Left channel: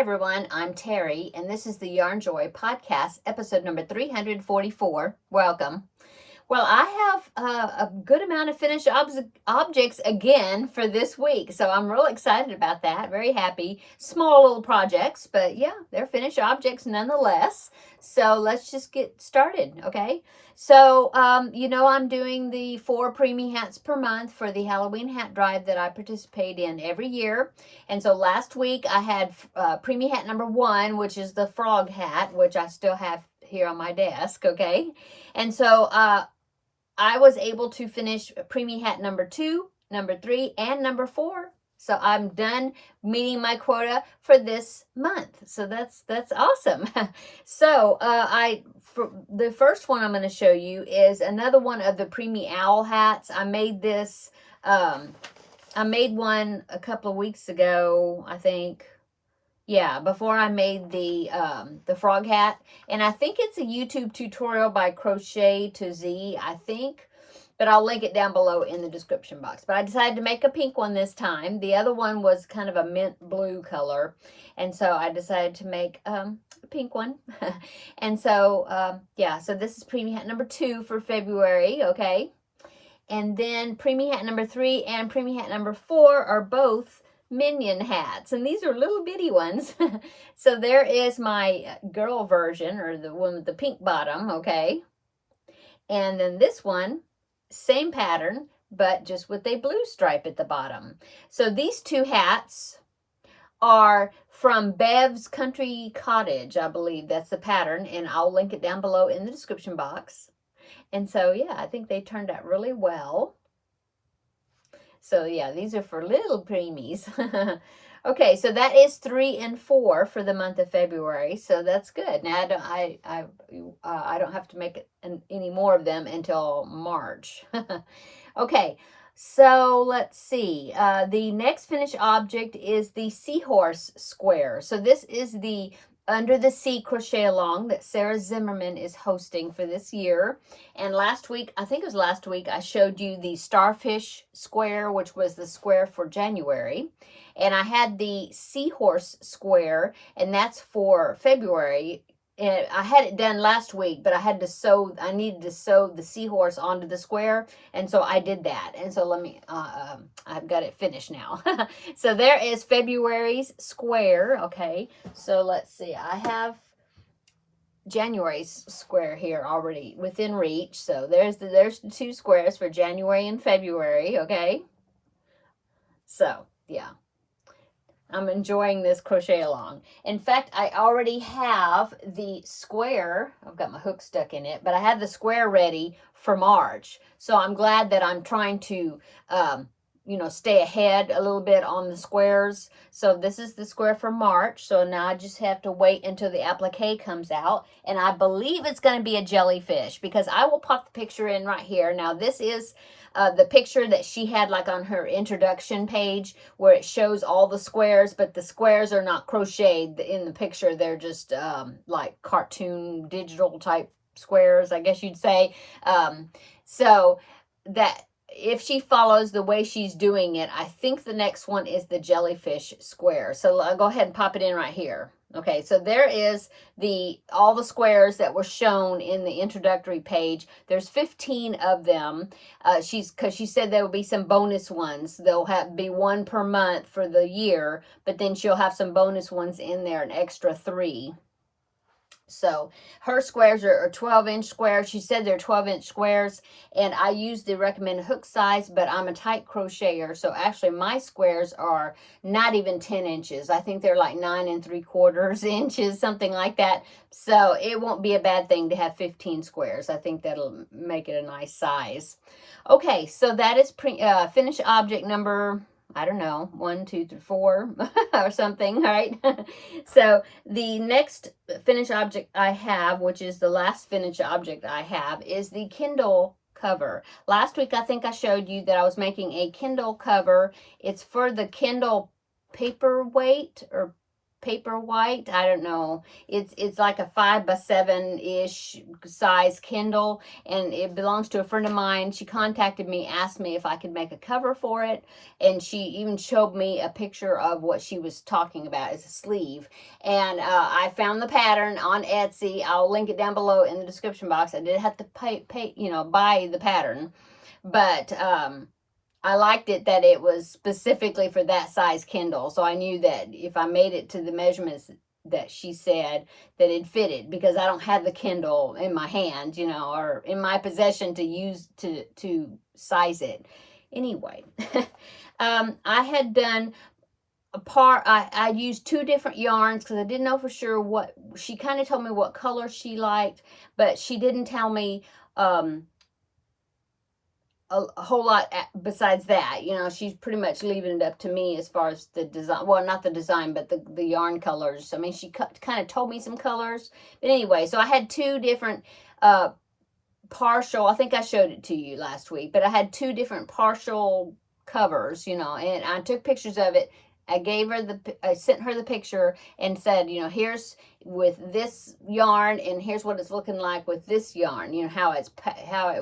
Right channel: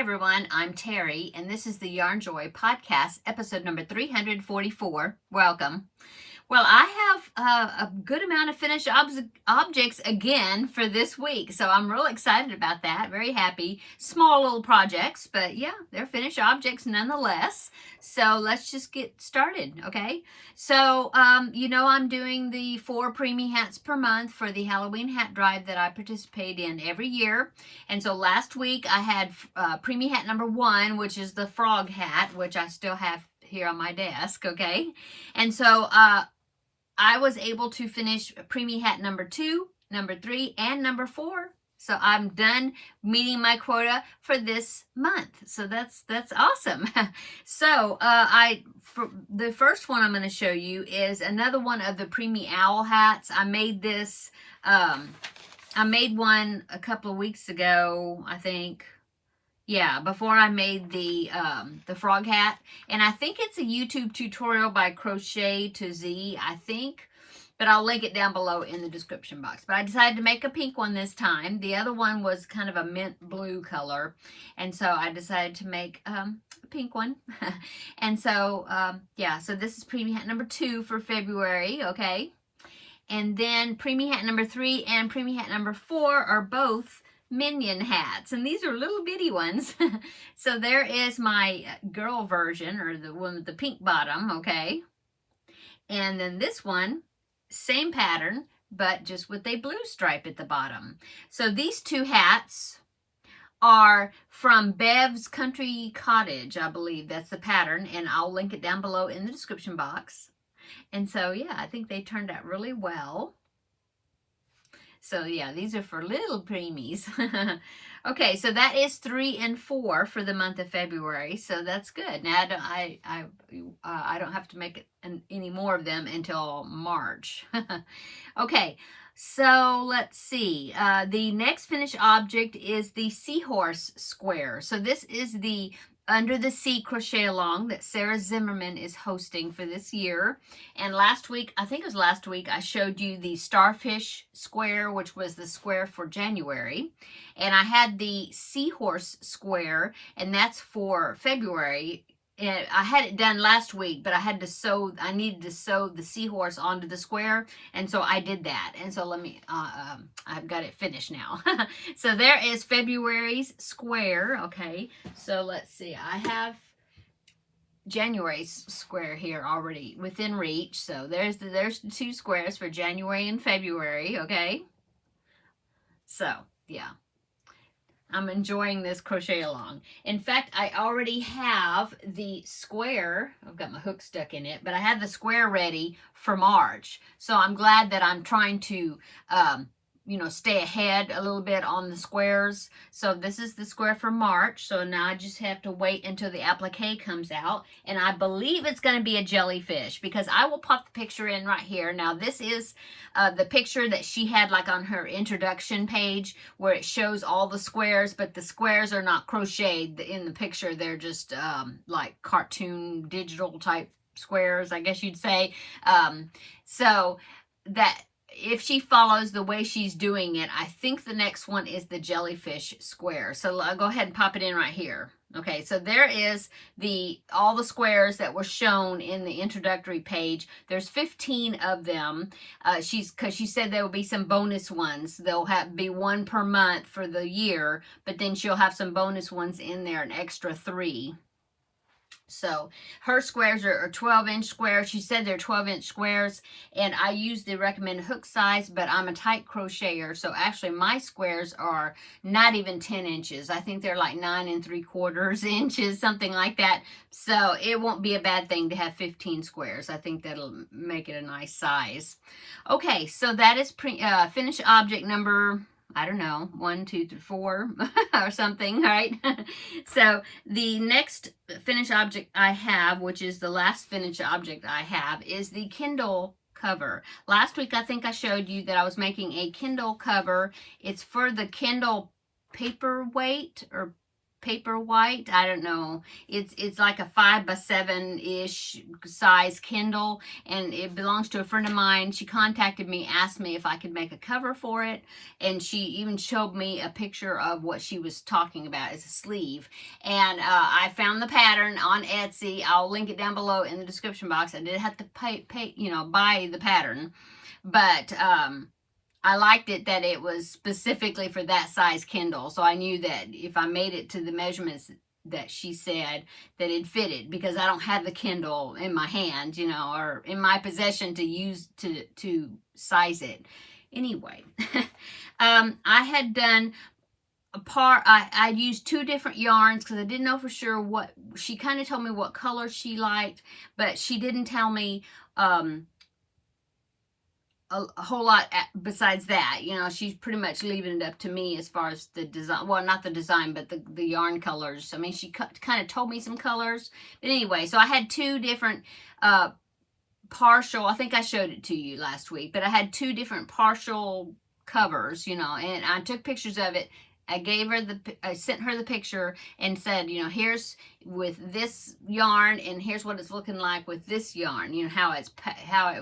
everyone, I'm Terry, and this is the Yarn Joy podcast, episode number 344. Welcome. Well, I have a good amount of finished objects again for this week, so I'm real excited about that. Very happy. Small little projects, but yeah, they're finished objects nonetheless. So let's just get started, okay? So, I'm doing the 4 preemie hats per month for the Halloween hat drive that I participate in every year. And so last week I had preemie hat number 1, which is the frog hat, which I still have here on my desk, okay? And so, I was able to finish preemie hat number 2, number 3, and number 4. So I'm done meeting my quota for this month. So that's awesome. So for the first one I'm going to show you is another one of the preemie owl hats. I made this. I made one a couple of weeks ago, I think. Yeah, before I made the frog hat. And I think it's a YouTube tutorial by Crochet to Z, I think. But I'll link it down below in the description box. But I decided to make a pink one this time. The other one was kind of a mint blue color. And so I decided to make a pink one. And so, so this is preemie hat number 2 for February, okay? And then preemie hat number 3 and preemie hat number 4 are both minion hats, and these are little bitty ones. So there is my girl version, or the one with the pink bottom, okay? And then this one, same pattern, but just with a blue stripe at the bottom. So these 2 hats are from Bev's Country Cottage, I believe that's the pattern, and I'll link it down below in the description box. And so, yeah, I think they turned out really well. So yeah, these are for little preemies. Okay, so that is 3 and 4 for the month of February. So that's good. Now I don't have to make it any more of them until March. Okay, so let's see. The next finished object is the seahorse square. So this is the Under the Sea crochet along that Sarah Zimmerman is hosting for this year. And last week, I think it was last week, I showed you the starfish square, which was the square for January. And I had the seahorse square, and that's for February. And I had it done last week, but I needed to sew the seahorse onto the square. And so I did that. And so I've got it finished now. So there is February's square. Okay. So let's see. I have January's square here already within reach. So there's the 2 squares for January and February. Okay. So yeah. I'm enjoying this crochet along. In fact, I already have the square. I've got my hook stuck in it, but I have the square ready for March. So I'm glad that I'm trying to, stay ahead a little bit on the squares. So this is the square for March. So now I just have to wait until the applique comes out. And I believe it's going to be a jellyfish, because I will pop the picture in right here. Now this is the picture that she had like on her introduction page, where it shows all the squares, but the squares are not crocheted in the picture. They're just like cartoon digital type squares, I guess you'd say. So that if she follows the way she's doing it, I think the next one is the jellyfish square. So I'll go ahead and pop it in right here. Okay, so there is all the squares that were shown in the introductory page. There's 15 of them. Because she said there will be some bonus ones. There'll be 1 per month for the year, but then she'll have some bonus ones in there, an extra 3. So her squares are 12-inch squares. She said they're 12-inch squares, and I use the recommended hook size, but I'm a tight crocheter, so actually my squares are not even 10 inches. I think they're like 9 3/4 inches, something like that. So it won't be a bad thing to have 15 squares. I think that'll make it a nice size. Okay, so that is finished object number, I don't know, 1, 2, 3, 4 or something, right? So the next finished object I have, which is the last finished object I have, is the Kindle cover. Last week, I think I showed you that I was making a Kindle cover. It's for the Kindle paperweight, or paper white. I don't know. It's like a 5x7-ish size Kindle, and it belongs to a friend of mine. She contacted me, asked me if I could make a cover for it, and she even showed me a picture of what she was talking about as a sleeve. And I found the pattern on Etsy. I'll link it down below in the description box. I did have to buy the pattern, but I liked it that it was specifically for that size Kindle. So I knew that if I made it to the measurements that she said, that it fitted, because I don't have the Kindle in my hand, or in my possession to use to size it. Anyway, I had done I used 2 different yarns because I didn't know for sure what, she kind of told me what color she liked, but she didn't tell me a whole lot besides that. She's pretty much leaving it up to me as far as the design. Well, not the design, but the yarn colors. I mean, she kind of told me some colors. But anyway, so I had 2 different partial, I think I showed it to you last week, but I had 2 different partial covers, and I took pictures of it. I sent her the picture and said, here's with this yarn, and here's what it's looking like with this yarn, how it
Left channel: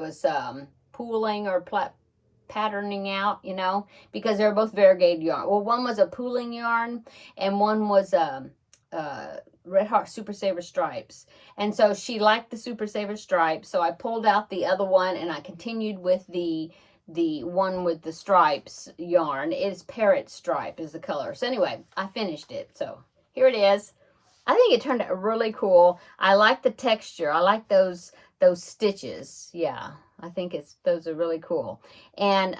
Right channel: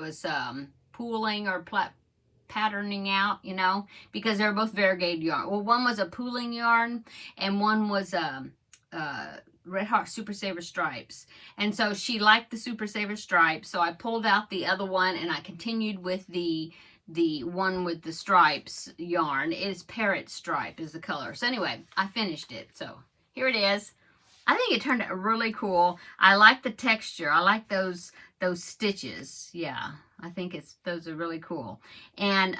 was pooling or patterning out, because they're both variegated yarn. Well, one was a pooling yarn and one was Red Heart Super Saver Stripes. And so she liked the Super Saver Stripes, so I pulled out the other one and I continued with the one with the stripes yarn. It is Parrot Stripe is the color. So anyway, I finished it. So here it is. I think it turned out really cool. I like the texture. I like those stitches. Yeah, I think those are really cool. And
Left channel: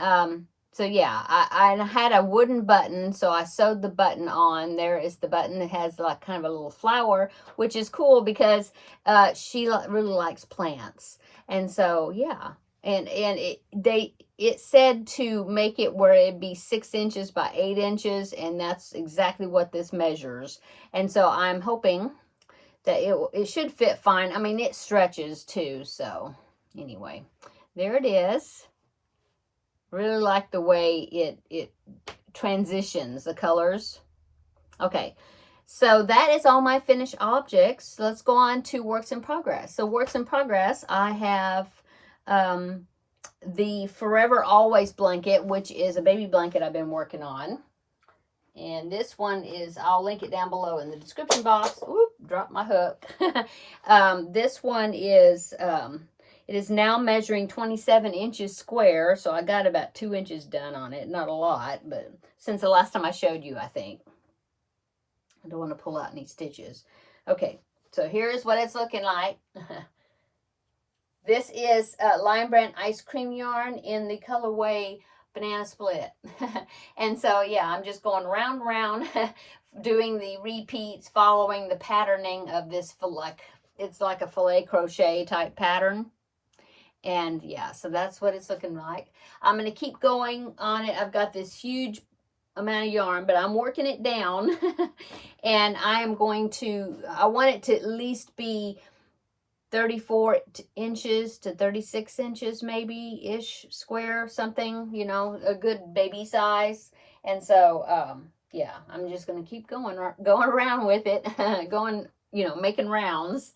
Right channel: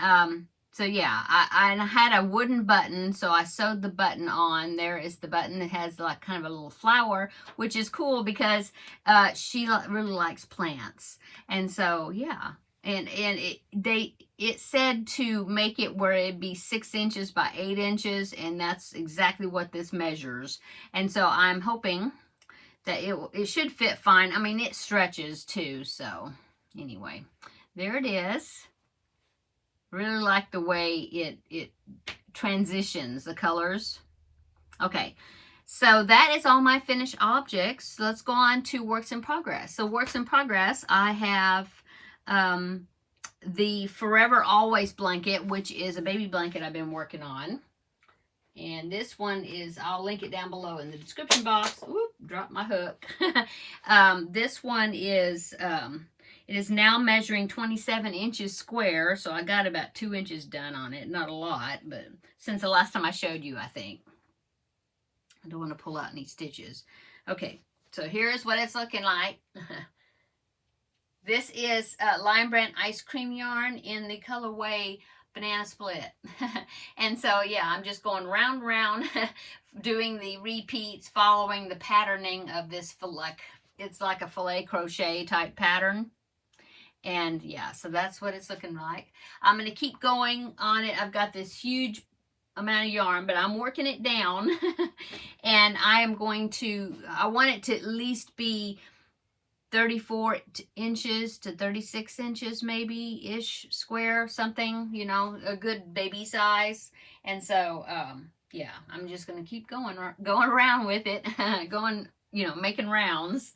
so yeah, I had a wooden button, so I sewed the button on. There is the button that has like kind of a little flower, which is cool because she really likes plants. And so yeah, and it said to make it where it'd be 6 inches by 8 inches, and that's exactly what this measures. And so I'm hoping that it should fit fine. I mean, it stretches too. So anyway, there it is. Really like the way it transitions the colors. Okay, so that is all my finished objects. Let's go on to works in progress. So works in progress, I have the Forever Always blanket, which is a baby blanket I've been working on. And this one is, I'll link it down below in the description box. Oop, dropped my hook. This one is, it is now measuring 27 inches square. So I got about 2 inches done on it. Not a lot, but since the last time I showed you, I think. I don't want to pull out any stitches. Okay, so here's what it's looking like. This is Lion Brand Ice Cream yarn in the colorway Banana Split. And so yeah, I'm just going round and round doing the repeats, following the patterning of this it's like a filet crochet type pattern. And yeah, so that's what it's looking like. I'm going to keep going on it. I've got this huge amount of yarn, but I'm working it down. And I want it to at least be 34 inches to 36 inches maybe ish square, something, a good baby size. And so yeah, I'm just going to keep going around with it, making rounds.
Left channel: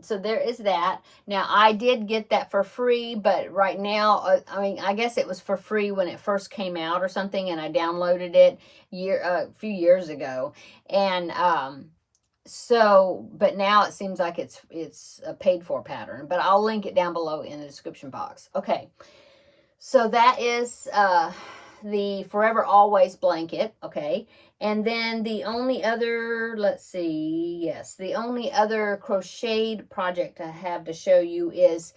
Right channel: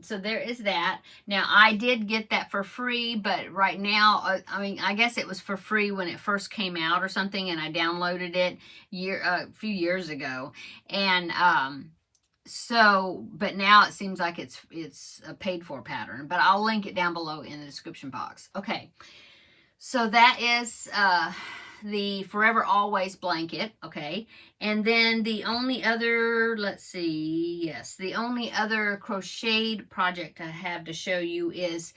So there is that. Now I did get that for free, but right now, I guess it was for free when it first came out or something, and I downloaded it a few years ago. And but now it seems like it's a paid for pattern, but I'll link it down below in the description box. Okay, so that is the Forever Always blanket. Okay, and then the only other, the only other crocheted project I have to show you is,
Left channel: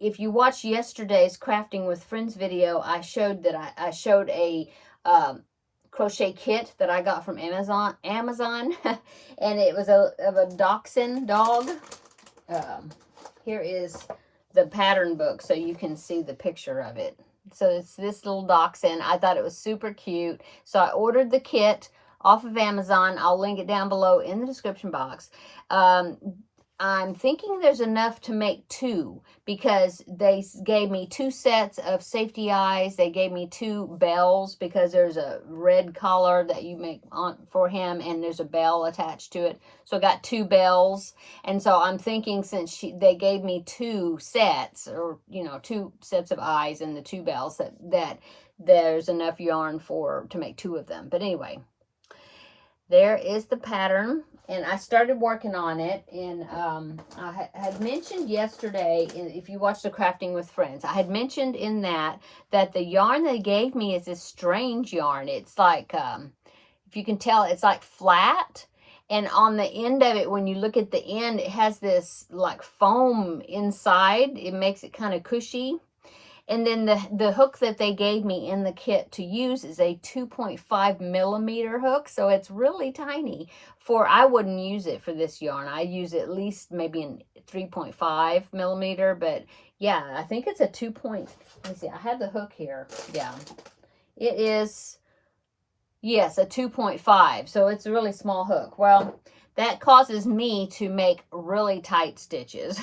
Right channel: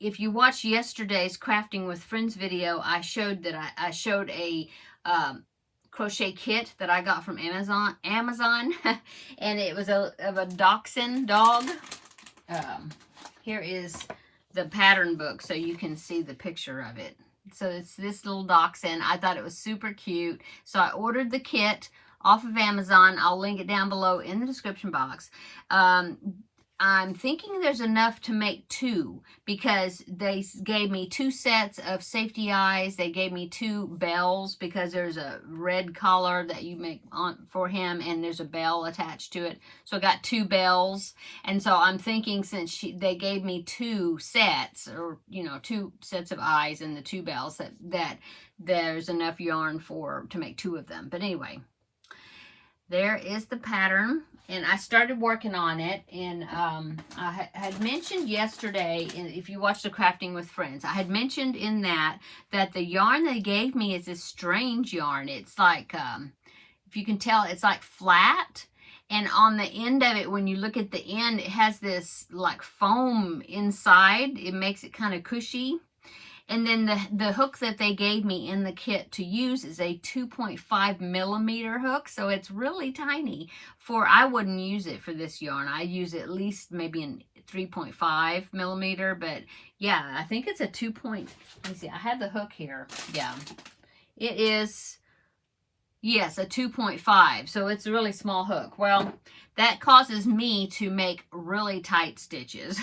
if you watched yesterday's Crafting with Friends video, I showed a crochet kit that I got from Amazon, and it was of a dachshund dog. Here is the pattern book so you can see the picture of it. So it's this little dachshund. I thought it was super cute, so I ordered the kit off of Amazon. I'll link it down below in the description box. I'm thinking there's enough to make 2, because they gave me 2 sets of safety eyes. They gave me 2 bells, because there's a red collar that you make on for him, and there's a bell attached to it. So I got 2 bells. And so I'm thinking, since they gave me 2 sets, or 2 sets of eyes and the 2 bells, that there's enough yarn to make 2 of them. But anyway, there is the pattern, and I started working on it. And I had mentioned yesterday, if you watched the Crafting with Friends, I had mentioned in that the yarn they gave me is this strange yarn. It's like, if you can tell, it's like flat, and on the end of it, when you look at the end, it has this like foam inside. It makes it kind of cushy. And then the hook that they gave me in the kit to use is a 2.5 millimeter hook. So it's really tiny. I wouldn't use it for this yarn. I use at least maybe in 3.5 millimeter. But yeah, I think it's a 2. Let me see. I have the hook here. Yeah, it is. Yes, a 2.5. So it's a really small hook. Well, that causes me to make really tight stitches.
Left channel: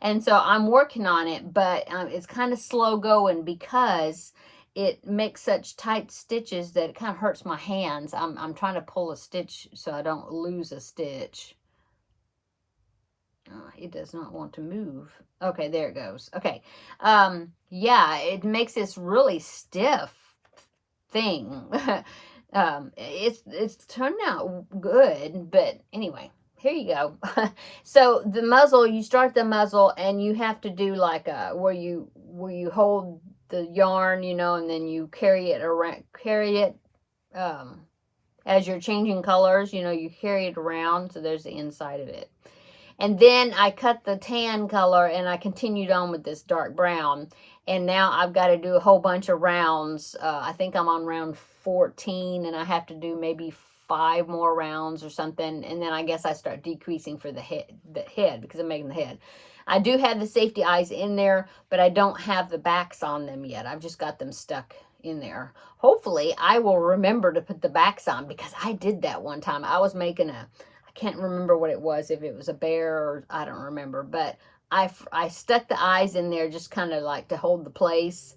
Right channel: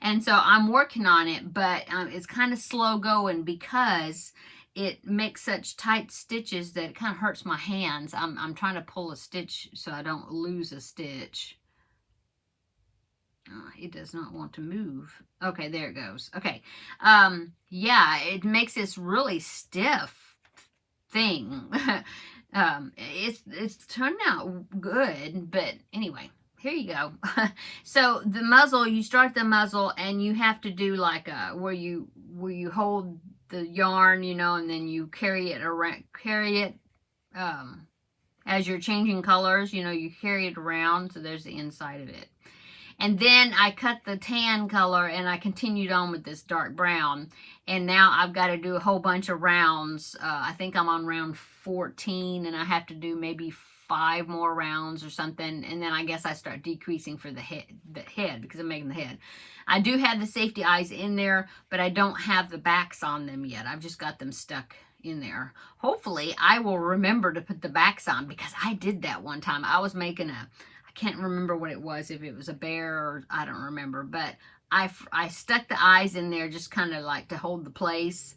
And so I'm working on it, but it's kind of slow going, because it makes such tight stitches that it kind of hurts my hands. I'm trying to pull a stitch so I don't lose a stitch. It does not want to move. Okay, there it goes. Okay. Yeah, it makes this really stiff thing. It's turned out good, but anyway, here you go. So the muzzle, you start the muzzle, and you have to do like where you hold the yarn, and then you carry it as you're changing colors, you carry it around. So there's the inside of it. And then I cut the tan color, and I continued on with this dark brown. And now I've got to do a whole bunch of rounds. I think I'm on round 14, and I have to do maybe 5 more rounds or something. And then I guess I start decreasing for the head, because I'm making the head. I do have the safety eyes in there, but I don't have the backs on them yet. I've just got them stuck in there. Hopefully I will remember to put the backs on, because I did that one time. I was making I can't remember what it was, if it was a bear or I don't remember, but I stuck the eyes in there just kind of like to hold the place,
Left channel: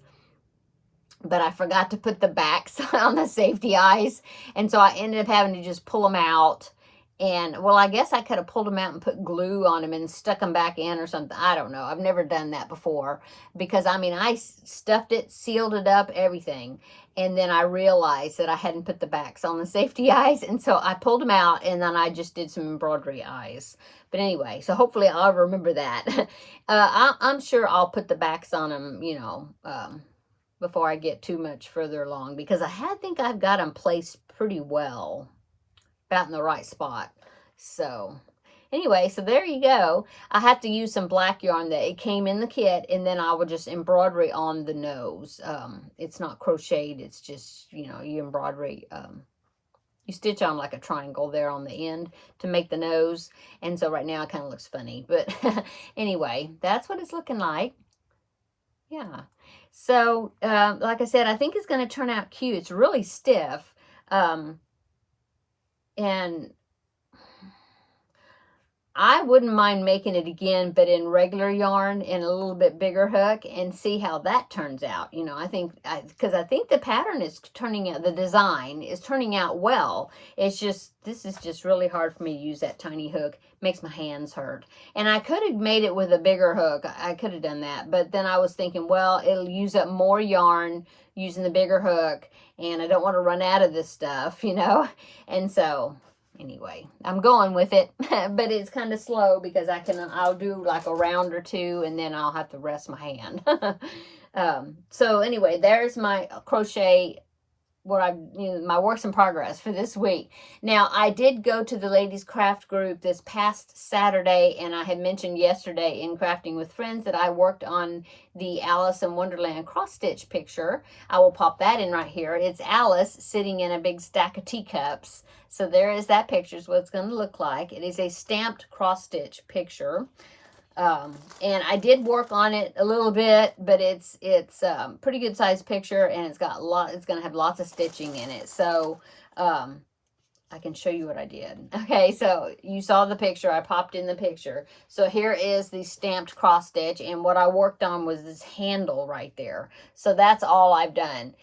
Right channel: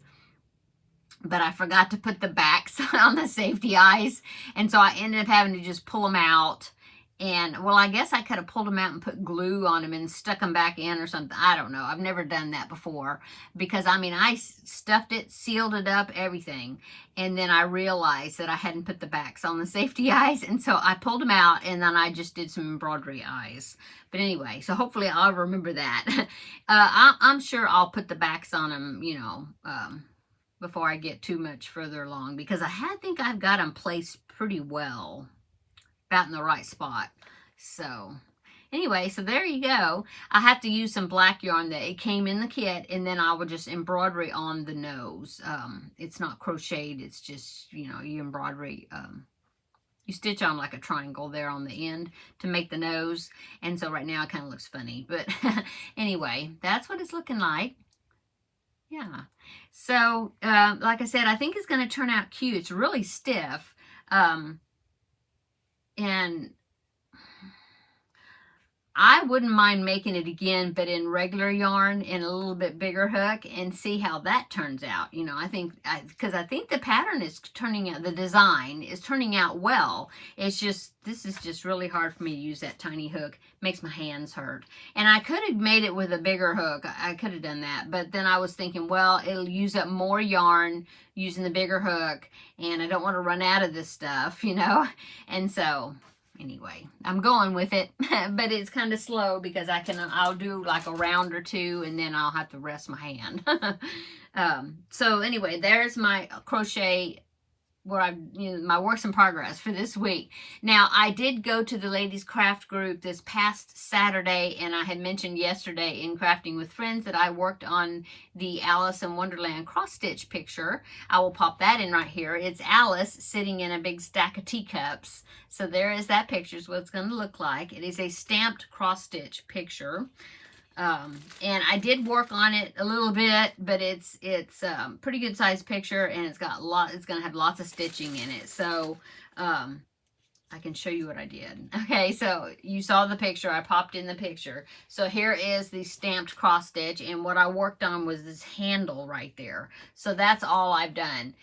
but I forgot to put the backs on the safety eyes, and so I ended up having to just pull them out. And well, I guess I could have pulled them out and put glue on them and stuck them back in or something. I don't know. I've never done that before, because I stuffed it, sealed it up, everything. And then I realized that I hadn't put the backs on the safety eyes. And so I pulled them out, and then I just did some embroidery eyes. But anyway, so hopefully I'll remember that. I'm sure I'll put the backs on them, before I get too much further along, because I think I've got them placed pretty well, about in the right spot. So anyway, so there you go. I have to use some black yarn that it came in the kit, and then I will just embroidery on the nose. It's not crocheted, it's just, you embroidery, you stitch on like a triangle there on the end to make the nose. And so right now it kind of looks funny, but anyway, that's what it's looking like. Yeah. So like I said, I think it's going to turn out cute. It's really stiff. And I wouldn't mind making it again, but in regular yarn and a little bit bigger hook, and see how that turns out. I think, because I think the pattern is turning out, the design is turning out well. It's just, this is just really hard for me to use that tiny hook. It makes my hands hurt. And I could have made it with a bigger hook. I could have done that. But then I was thinking, well, it'll use up more yarn using the bigger hook, and I don't want to run out of this stuff, And so anyway, I'm going with it, but it's kind of slow, because I'll do like a round or 2, and then I'll have to rest my hand. So anyway, there's my crochet, my works in progress for this week. Now, I did go to the ladies craft group this past Saturday, and I had mentioned yesterday in Crafting with Friends that I worked on the Alice in Wonderland cross stitch picture. I will pop that in right here. It's Alice sitting in a big stack of teacups. So there is that picture, is what it's going to look like. It is a stamped cross stitch picture. And I did work on it a little bit, but it's pretty good size picture, and it's going to have lots of stitching in it. So, I can show you what I did. Okay, so you saw the picture. I popped in the picture. So here is the stamped cross stitch, and what I worked on was this handle right there. So that's all I've done.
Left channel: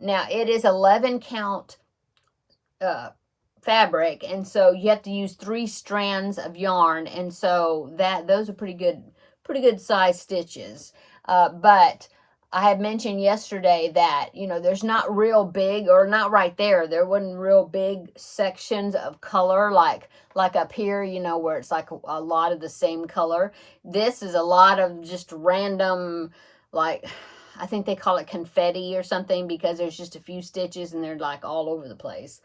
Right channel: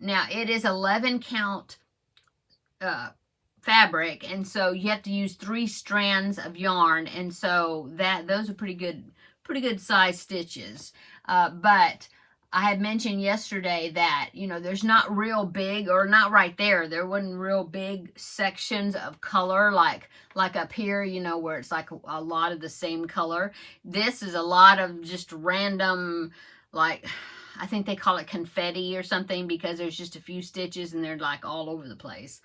Now it is 11 count fabric, and so you have to use 3 strands of yarn, and so those are pretty good size stitches. But I had mentioned yesterday that, you know, there's not real big, or not right there wasn't real big sections of color like up here, you know, where it's like a lot of the same color. This is a lot of just random, like, I think they call it confetti or something, because there's just a few stitches and they're like all over the place.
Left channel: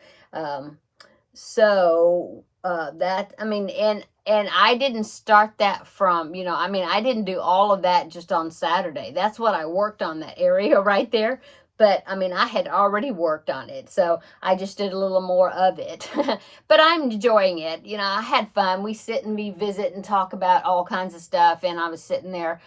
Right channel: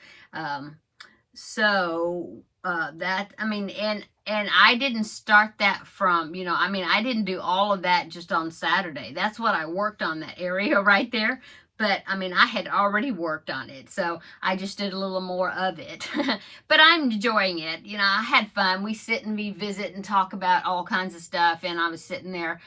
So that, I mean, and I didn't start that from, you know, I mean, I didn't do all of that just on Saturday. That's what I worked on, that area right there. But I mean, I had already worked on it, so I just did a little more of it. But I'm enjoying it. You know, I had fun. We sit and we visit and talk about all kinds of stuff, and I was sitting there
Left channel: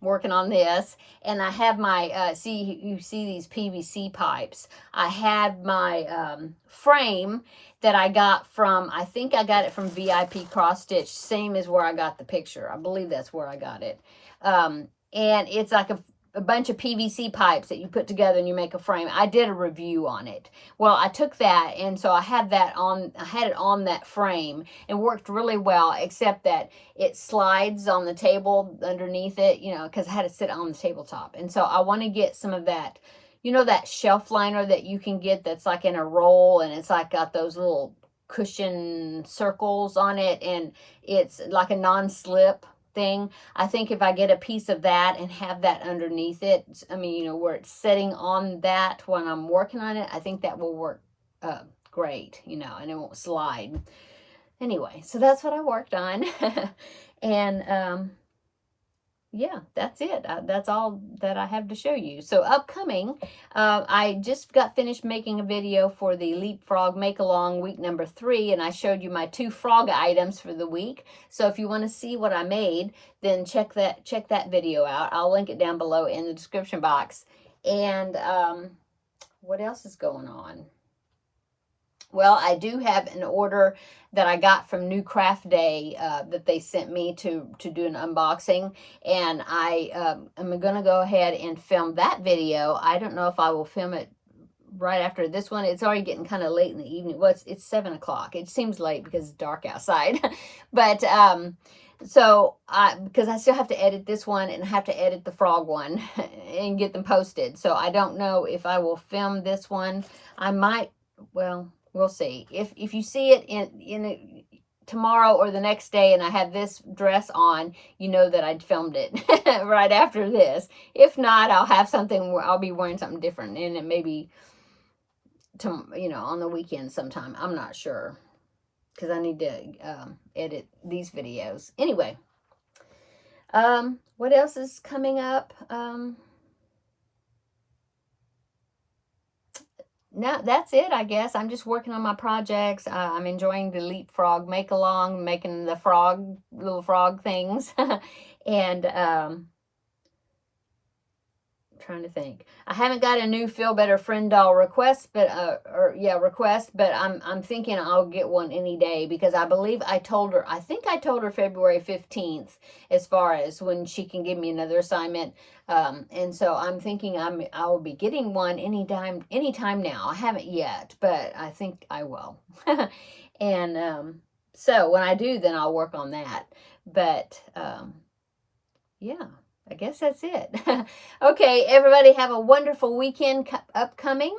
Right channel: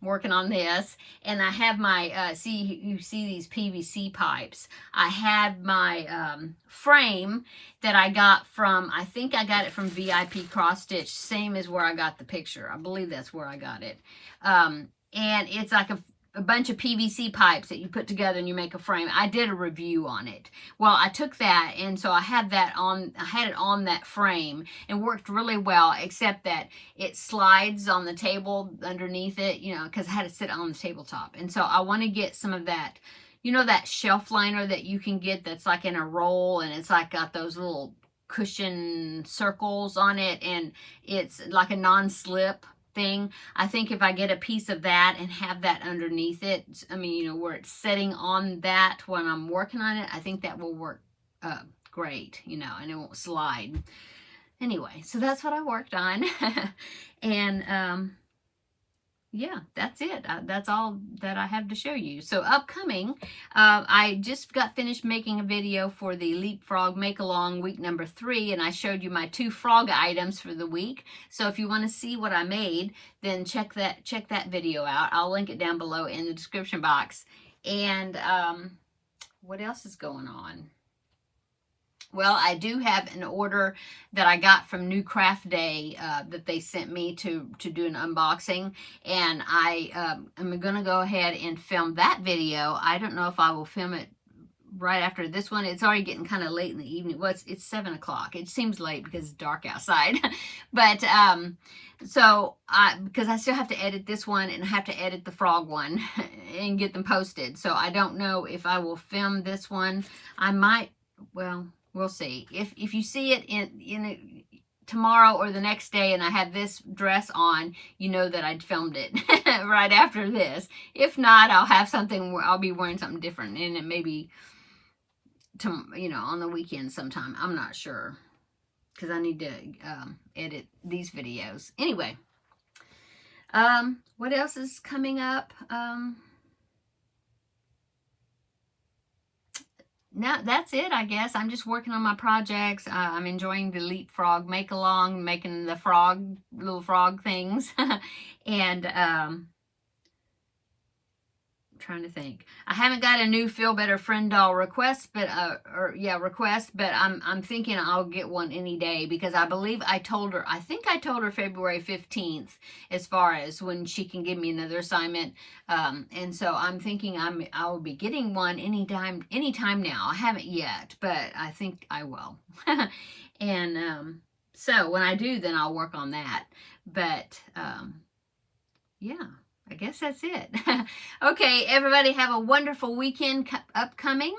working on this, and I have my you see these PVC pipes. I had my frame that I got from, I think I got it from VIP Cross Stitch, same as where I got the picture. I believe that's where I got it. And it's like a bunch of PVC pipes that you put together and you make a frame. I did a review on it. Well, I took that, and so I had it on that frame, and worked really well, except that it slides on the table underneath it, you know, because I had to sit on the tabletop. And so I want to get some of that, you know, that shelf liner that you can get that's like in a roll, and it's like got those little cushion circles on it, and it's like a non-slip thing. I think if I get a piece of that and have that underneath it, I mean, you know, where it's sitting on that when I'm working on it, I think that will work great, you know, and it won't slide. Anyway, so that's what I worked on. And yeah, that's it. That's all that I have to show you. So upcoming, I just got finished making a video for the Leapfrog Make-Along week number 3, and I showed you my 2 frog items for the week. So if you want to see what I made, then check that video out. I'll link it down below in the description box. And what else is going on? Well, I do have an order that I got from New Craft Day that they sent me to do an unboxing, and I am going to go ahead and film that video. I don't know if I will film it right after this one. It's already getting kind of late in the evening. Well, it's 7 o'clock. It seems late because it's dark outside. But so because I still have to edit this one, and I have to edit the frog one and get them posted. So I don't know if I will film this one. I might, well, we'll see. If you see it in tomorrow or the next day and I have this dress on, you know that I'd filmed it right after this. If not, I'll have something where I'll be wearing something different, and it may be, you know, on the weekend sometime. I'm not sure, because I need to edit these videos. Anyway, what else is coming up? No, that's it, I guess. I'm just working on my projects. I'm enjoying the Leapfrog Make-Along, making the little frog things. And trying to think. I haven't got a new Feel Better Friend doll request, but but I'm thinking I'll get one any day, because I believe I think I told her February 15th as far as when she can give me another assignment. And so I'm thinking I will be getting one anytime now. I haven't yet, but I think I will. And so when I do, then I'll work on that. But yeah, I guess that's it. Okay, everybody, have a wonderful weekend upcoming.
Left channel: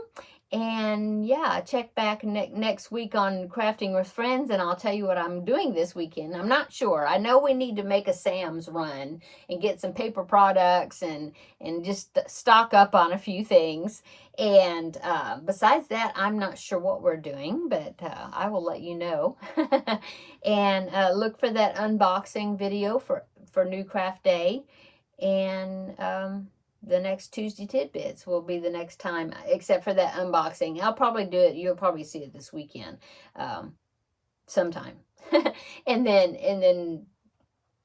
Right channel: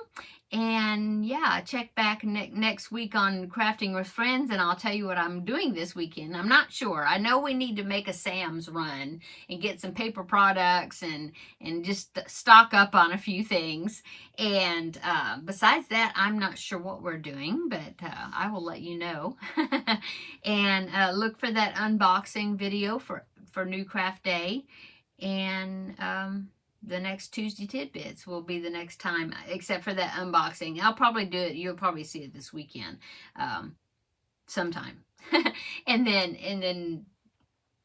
And yeah, check back next week on Crafting with Friends, and I'll tell you what I'm doing this weekend. I'm not sure. I know we need to make a Sam's run and get some paper products and just stock up on a few things. And besides that, I'm not sure what we're doing, but I will let you know. And look for that unboxing video for New Craft Day. And the next Tuesday Tidbits will be the next time, except for that unboxing. I'll probably do it. You'll probably see it this weekend sometime. and then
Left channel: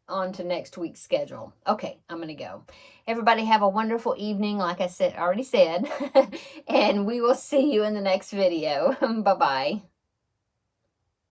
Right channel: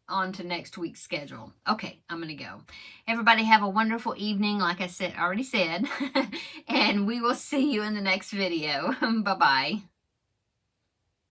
on to next week's schedule. Okay, I'm going to go. Everybody have a wonderful evening, like I already said. And we will see you in the next video. Bye-bye.